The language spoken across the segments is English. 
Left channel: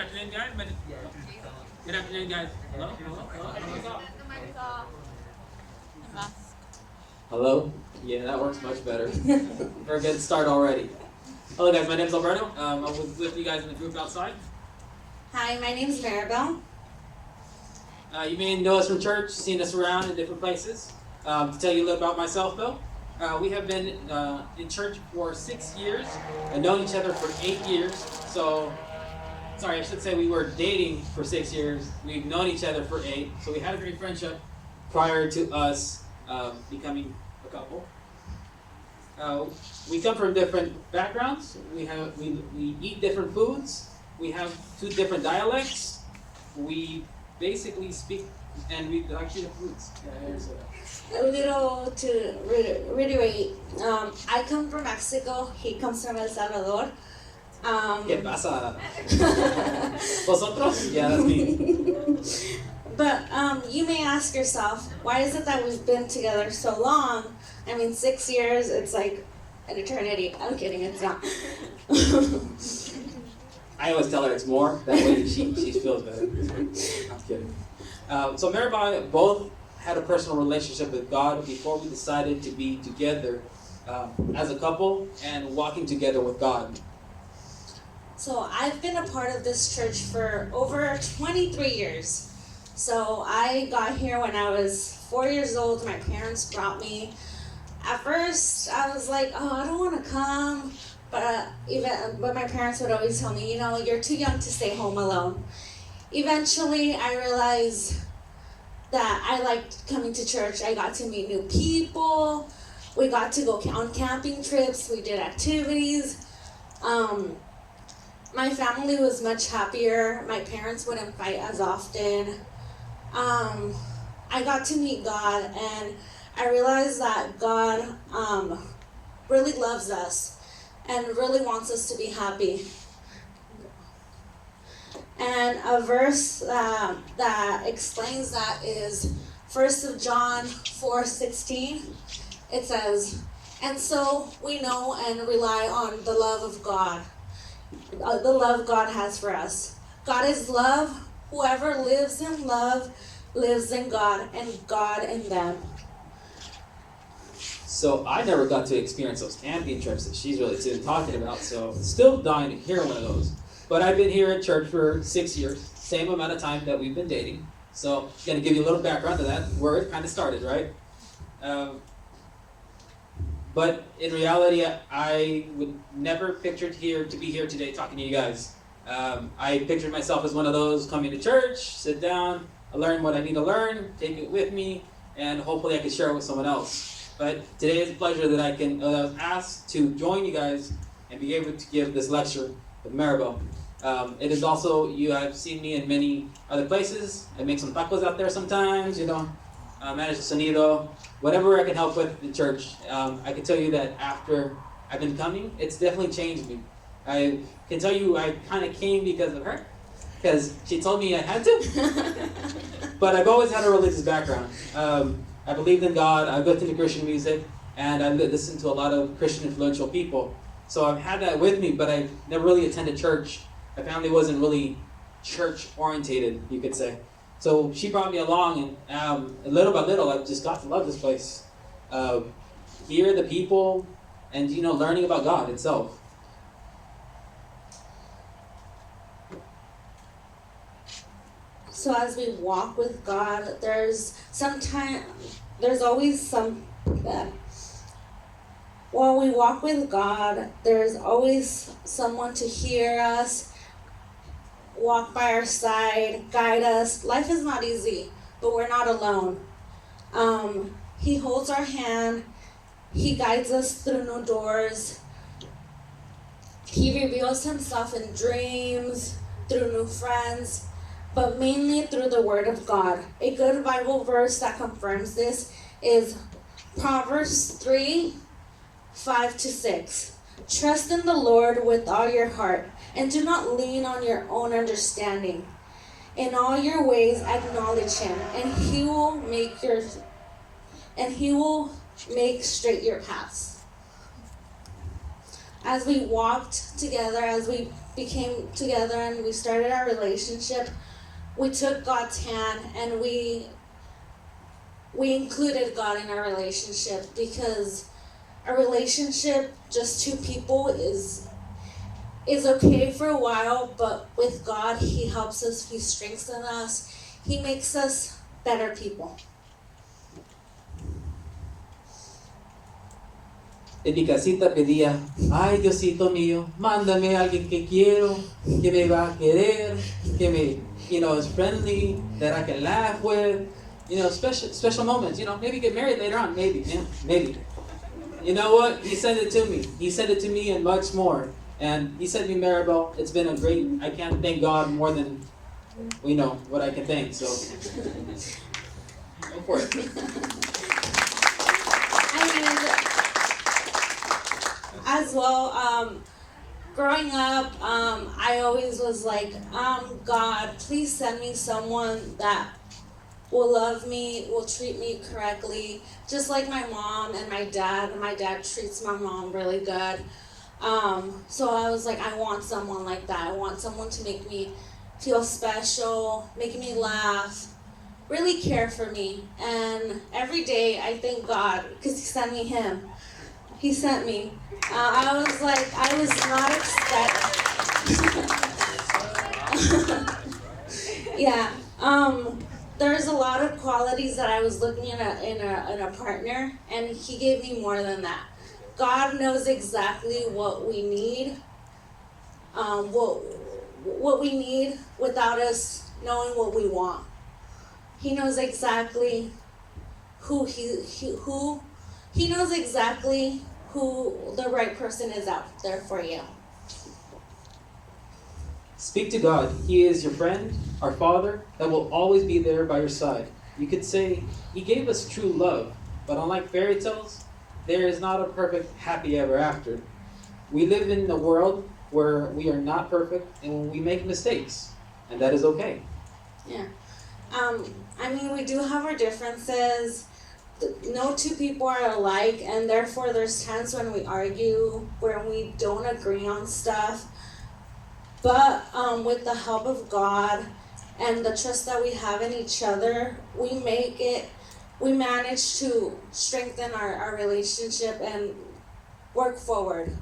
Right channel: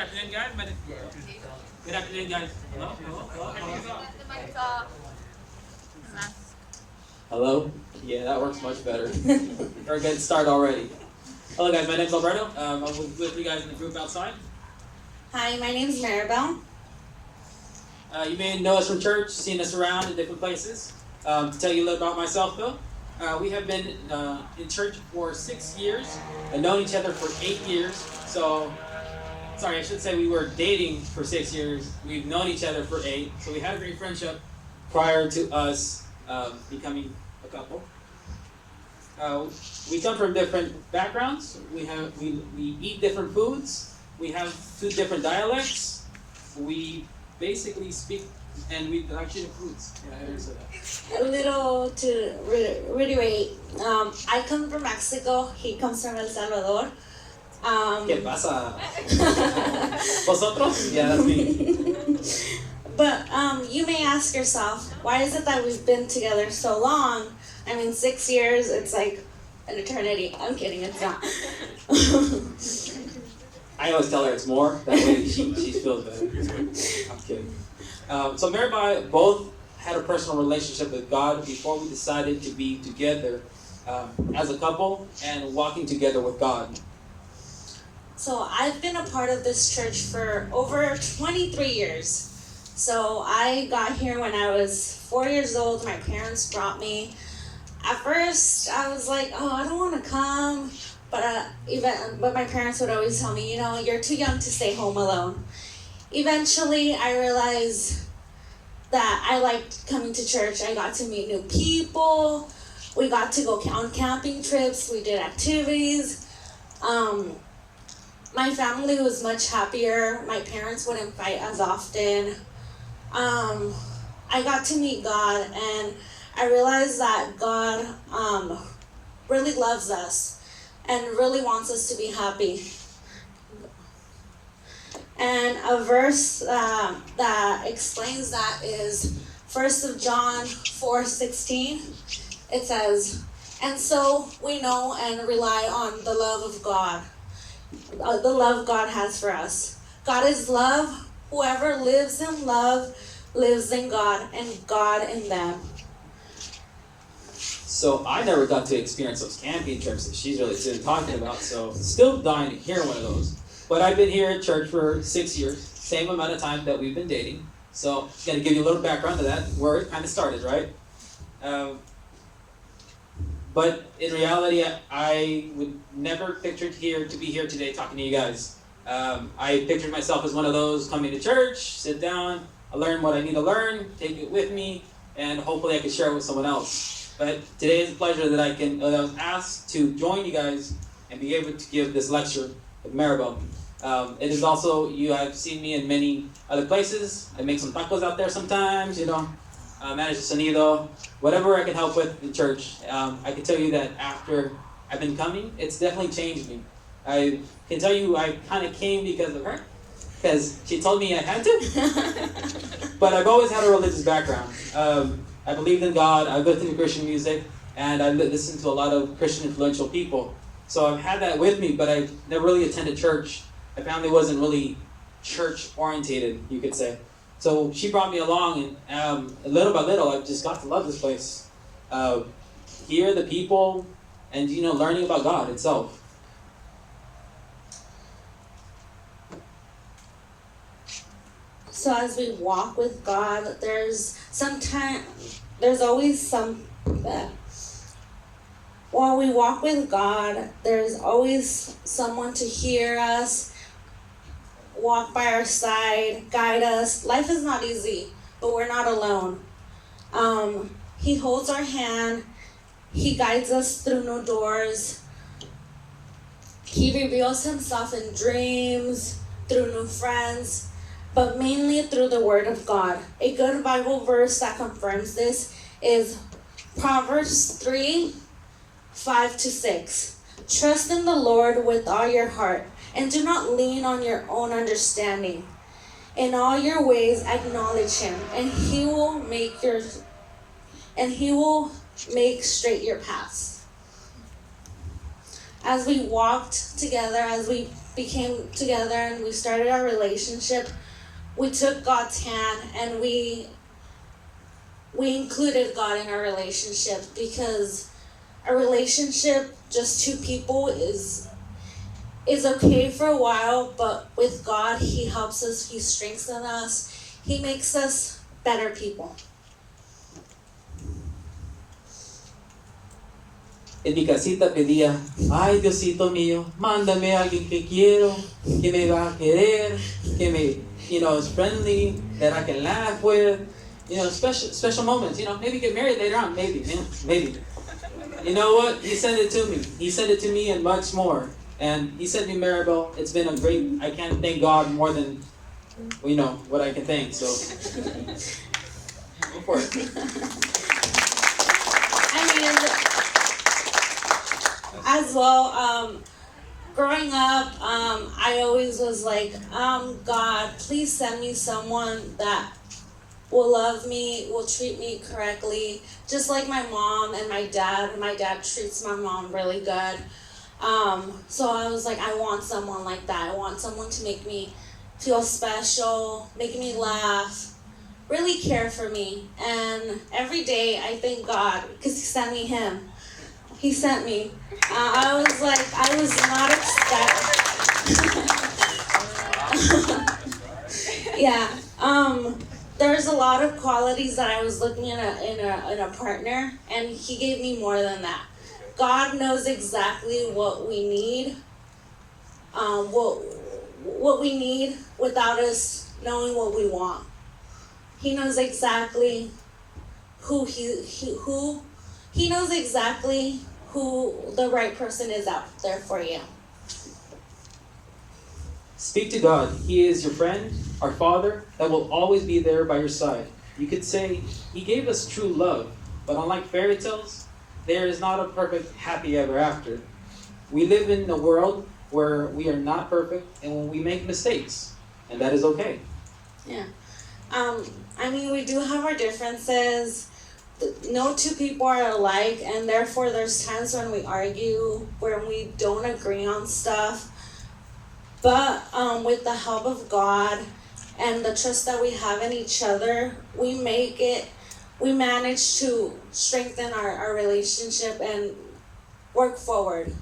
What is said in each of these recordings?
afternoon, guys. Good afternoon, guys. Hello? Hello? Yeah, that works much better. We're a good start already. Hello, guys. My name's Alberto. I'm with you guys in the group outside. Hi, my name's Maribel. You may know us from church, seen us around in different places. To tell you a little about myself, though, we have been in church for 6 years and known each other for 8 years. So, sorry, I should say we were dating for 6 years. We've known each other for 8. So we had a great friendship prior to us becoming a couple. We come from different backgrounds. We eat different foods. We have 2 different dialects. We basically speak, and we like different foods. Yeah, so A little to reiterate, I come from Mexico, he comes from El Salvador. ¿Qué pasa? ¿Vosotros? Yeah, that's me. But you may ask yourself, why is it that we've been together so long? I mean, 6 years, it's like an eternity. I'm kidding, it's not. I always tell her it's more. That way she feels better. I'm kidding. So Mary and I both had a personal relationship with God before we decided to be together as a couple and walking together with God. So I've been a part of this church for over 23 years. So I got here when I was 4 years old. My parents brought me. At first, I was like, oh, I don't want to come. But my parents would always tell me, you're too young to stay home alone. Eventually, I realized that I liked coming to church. I got to meet new people. We got to go on camping trips. We did activities. My family was much happier. My parents wouldn't fight as often. I got to meet God, and I realized that God really loves us and really wants us to be happy. And a verse that explains that is 1 John 4:16. It says, "And so we know and rely on the love of God, the love God has for us. God is love. Whoever lives in love lives in God, and God in them." So I never got to experience those camping trips that she's really talking about, so still dying to hear one of those. But I've been here at church for 6 years, same amount of time that we've been dating. So I'm going to give you a little background to that, where it kind of started, right? But in reality, I would never pictured to be here today talking to you guys. I pictured myself as one of those coming to church, sit down, I learn what I need to learn, take it with me, and hopefully I can share it with someone else. But today is a pleasure that I was asked to join you guys and be able to give this lecture with Maribel. It is also, I've seen me in many other places. I make some tacos out there sometimes, manage the sonido, whatever I can help with the church. I can tell you that after I've been coming, it's definitely changed me. I can tell you I kind of came because of her, because she told me I had to. But I've always had a religious background. I believed in God, I listened to Christian music, and I listened to a lot of Christian influential people. So I've had that with me, but I've never really attended church. My family wasn't really church-orientated, you could say. So she brought me along, and little by little, I just got to love this place. Hear the people, and, learning about God itself. So as we walk with God, while we walk with God, there's always someone to hear us, walk by our side, guide us. Life is not easy, but we're not alone. He holds our hand. He guides us through new doors. He reveals himself in dreams, through new friends, but mainly through the Word of God. A good Bible verse that confirms this is Proverbs 3:5-6. "Trust in the Lord with all your heart, and do not lean on your own understanding. In all your ways acknowledge him, and he will make straight your paths." As we walked together, as we became together and we started our relationship, we took God's hand and we included God in our relationship, because a relationship, just two people, is okay for a while, but with God, He helps us, He strengthens us, He makes us better people. En mi casita pedía, ay Diosito mío, mándame a alguien que quiero, que me va a querer, que me, is friendly, that I can laugh with, special moments, maybe get married later on, maybe. You know what? He sent it to me. He sent it to me and much more. And He sent me Maribel. It's been I can't thank God more than, what I can thank, so. Go for it. As well, growing up, I always was like, God, please send me someone that will love me, will treat me correctly, just like my mom and my dad. My dad treats my mom really good. So I was like, I want someone like that. I want someone to make me feel special, make me laugh, really care for me. And every day I thank God because He sent me him. He sent me. I was not expecting. Yeah. There's a lot of qualities that I was looking at in a partner, and He gave me more than that. God knows exactly what we need. What we need without us knowing what we want. He knows exactly He knows exactly who the right person is out there for you. Speak to God. He is your friend, our Father, that will always be there by your side. You could say, He gave us true love, but unlike fairy tales, there is not a perfect happy ever after. We live in a world where we are not perfect and when we make mistakes, and that is okay. Yeah. We do have our differences. No two people are alike, and therefore there's times when we argue, when we don't agree on stuff. But with the help of God and the trust that we have in each other, we manage to strengthen our relationship and work forward.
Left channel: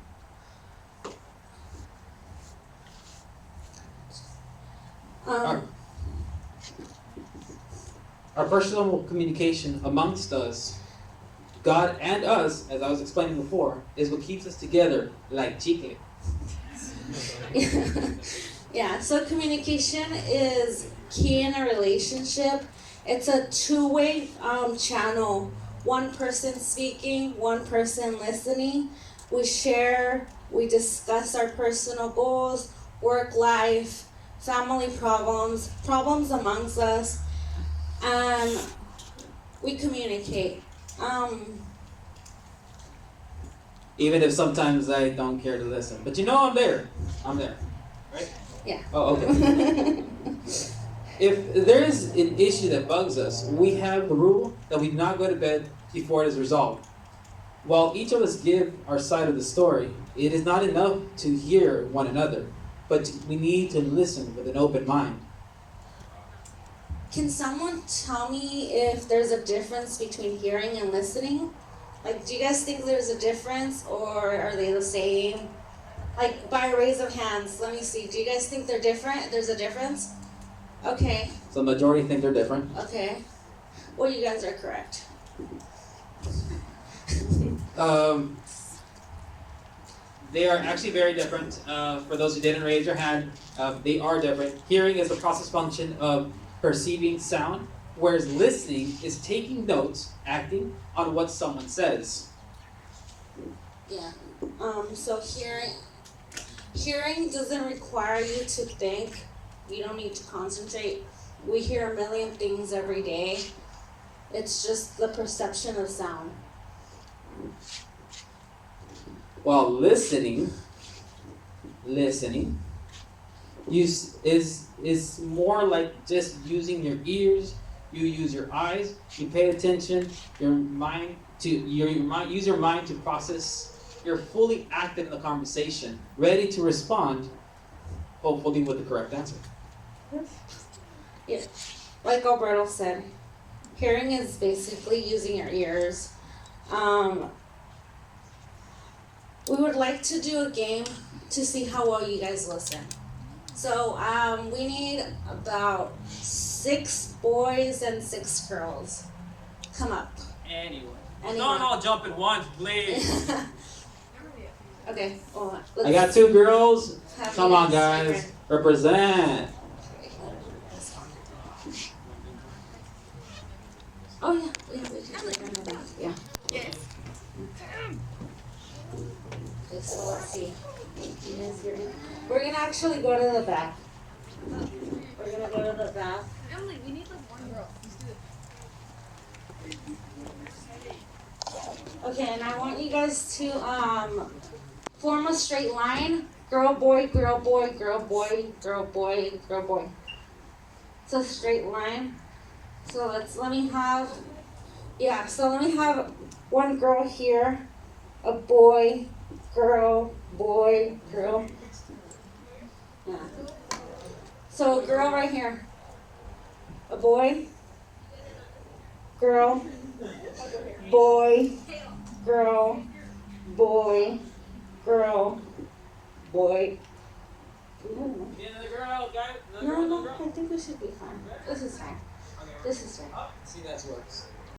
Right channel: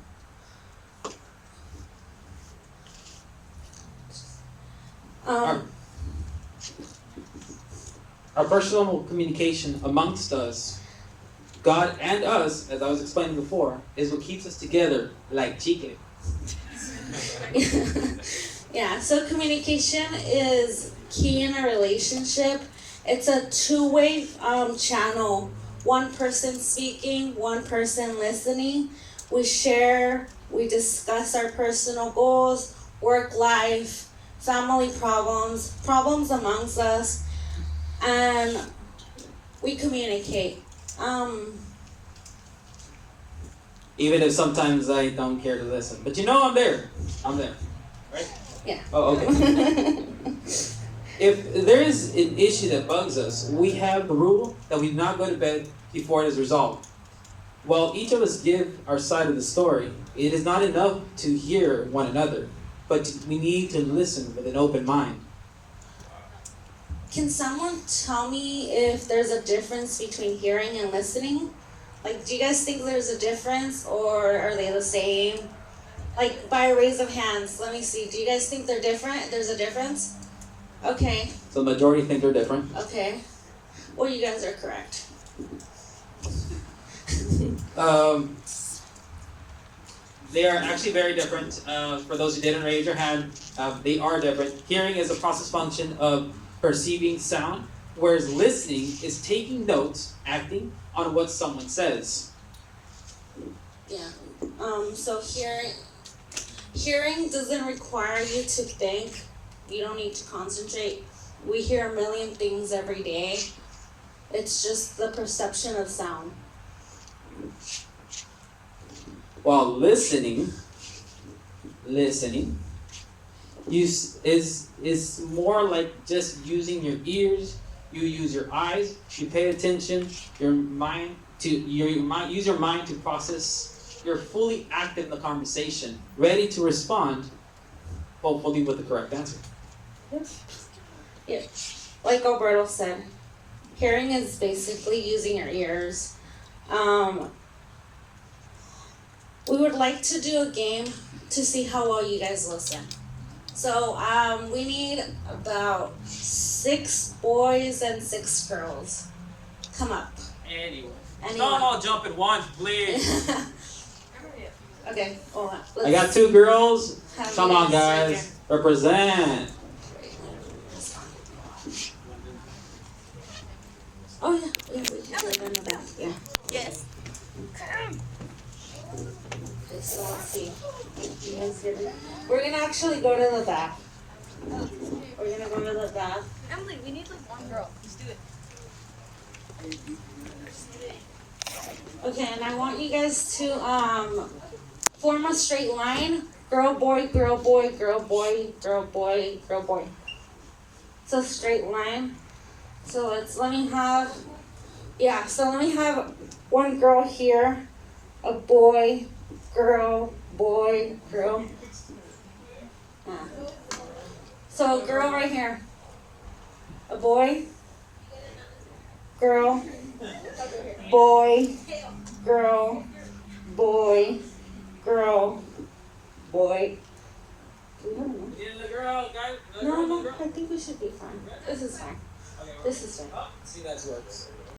Our personal communication amongst us, God and us, as I was explaining before, is what keeps us together like chicle. Yeah, so communication is key in a relationship. It's a two-way channel. One person speaking, one person listening. We share, we discuss our personal goals, work life, family problems amongst us, and we communicate. Even if sometimes I don't care to listen. But I'm there. I'm there. Right? Yeah. Oh, okay. If there is an issue that bugs us, we have the rule that we do not go to bed before it is resolved. While each of us give our side of the story, it is not enough to hear one another, but we need to listen with an open mind. Can someone tell me if there's a difference between hearing and listening? Like, do you guys think there's a difference, or are they the same? Like, by a raise of hands, let me see. Do you guys think they're different? There's a difference? Okay. So the majority think they're different. Okay. Well, you guys are correct. They are actually very different. For those who didn't raise your hand, they are different. Hearing is a process function of perceiving sound, whereas listening is taking notes, acting on what someone says. Yeah. So hearing doesn't require you to think. You don't need to concentrate. We hear a million things every day. It's just the perception of sound. While listening is more like just using your ears. You use your eyes. You pay attention. Use your mind to process. You're fully active in the conversation, ready to respond hopefully with the correct answer. Yeah. Like Alberto said, hearing is basically using your ears. We would like to do a game to see how well you guys listen. So we need about 6 boys and 6 girls. Come up. Anyway. Anyone. Don't all jump at once, please. Okay, hold on. I got 2 girls. Come on, guys. Represent. Oh, yeah. We can go in the back. Yeah. Yes. Okay, so let's see. You guys hear me? We're going to actually go to the back. We're going to go to the back. Emily, we need this one girl. Let's do it. Okay, and I want you guys to form a straight line. Girl, boy, girl, boy, girl, boy, girl, boy, girl, boy. It's a straight line. So let me have one girl here, a boy, girl, boy, girl. Yeah. So girl right here. A boy, girl, boy, girl, boy, girl, boy. Yeah, the girl, guy. No, I think we should be fine. This is fine. This is fine. See, that works.